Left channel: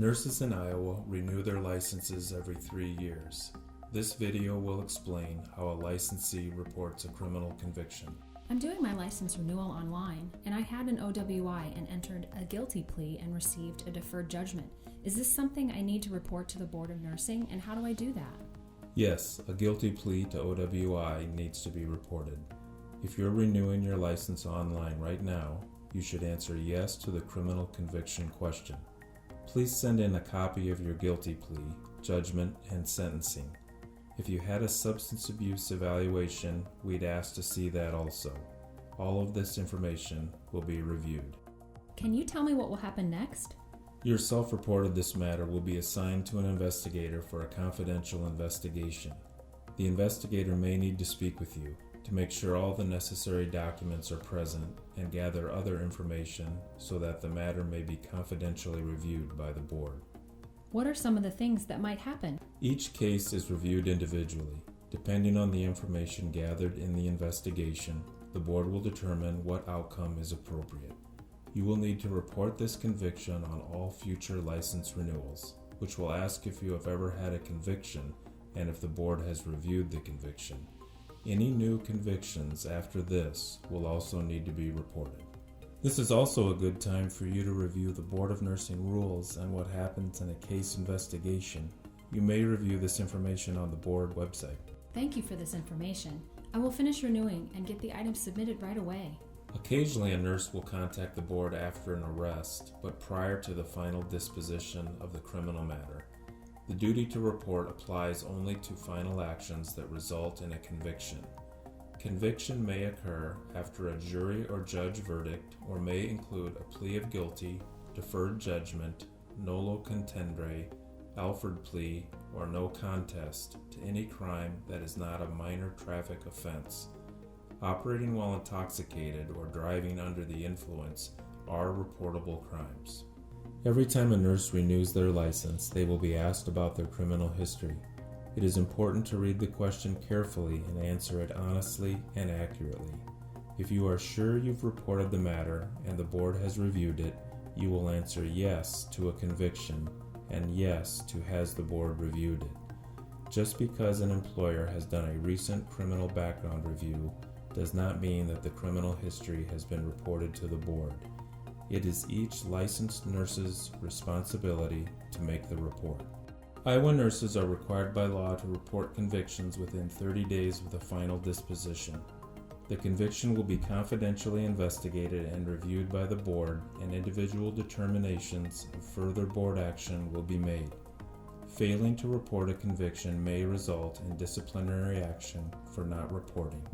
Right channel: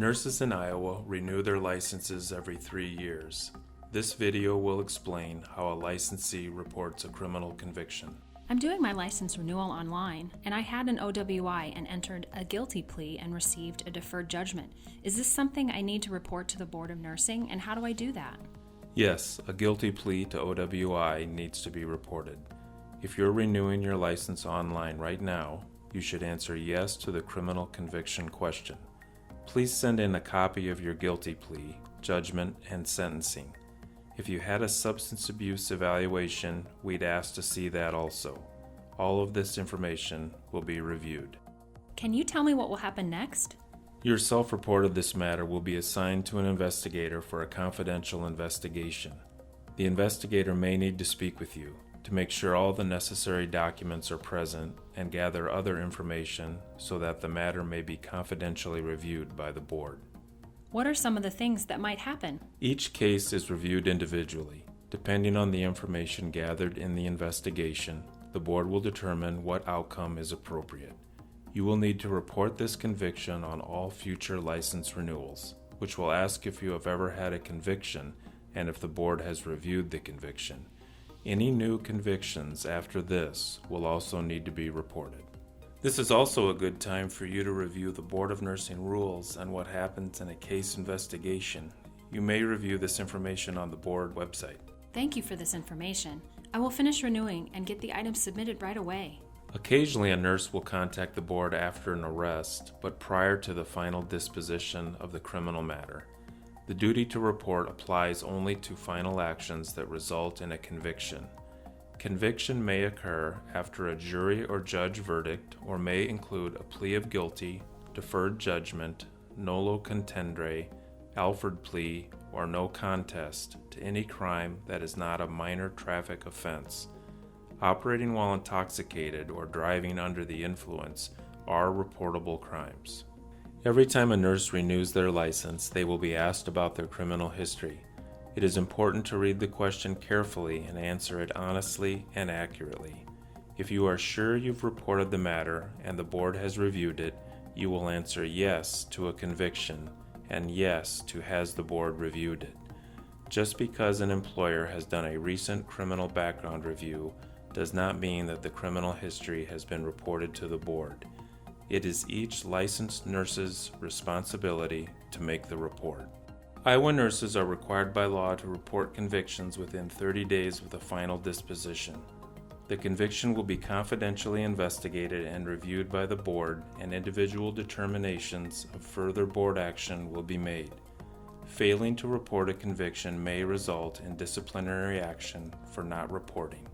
Nurses in Iowa renew their licenses every 3 years. This video will explain how a licensee reports a criminal conviction. I'm doing my license renewal online, and I had an OWI and entered a guilty plea and received a deferred judgment. Is this something I need to report to the Board of Nursing, and how do I do that? Yes, a guilty plea to OWI needs to be reported. If you're renewing your license online right now, you should answer yes to the criminal conviction question. Please send in a copy of your guilty plea, judgment, and sentencing. If you had a substance abuse evaluation, we'd ask to see that also. All of this information will be reviewed. Can you tell me what will happen next? Your self-report of this matter will be assigned to an investigator for a confidential investigation. The investigator may need to speak with you to make sure all the necessary documents are present and gather other information so that the matter may be confidentially reviewed by the board. What are some of the things that might happen? Each case is reviewed individually. Depending on the information gathered in the investigation, the board will determine what outcome is appropriate. You will need to report this conviction on all future license renewals, which will ask if you have ever had a conviction and if the board has reviewed the conviction. Any new convictions after this will also need to be reported. This is also a good time for you to review the Board of Nursing rules on what happens in a case investigation. You may review this information on the board website. Thank you for this information. I will finish renewing and get the items submitted right away. Occasionally, a nurse will contact the board after an arrest, but prior to the final disposition of the criminal matter. The duty to report applies only to final actions that result in a conviction. Conviction may occur after a jury or judge verdict or may include a plea of guilty, deferred judgment, nolo contendere, Alford plea, or no contest to any crime that is not a minor traffic offense. Operating while intoxicated or driving under the influence are reportable crimes. Every time a nurse renews their license, they will be asked about their criminal history. It is important to read the question carefully and answer it honestly and accurately. If you are sure you've reported the matter and the board has reviewed it, you will answer yes to a conviction and yes to has the board reviewed it. Just because an employer has done a recent criminal background review does not mean that the criminal history has been reported to the board. It is each licensed nurse's responsibility to make the report. Iowa nurses are required by law to report convictions within 30 days of the final disposition. The conviction will be confidentially investigated and reviewed by the board, and individual determinations of further board action will be made. Failing to report a conviction may result in disciplinary action for not reporting.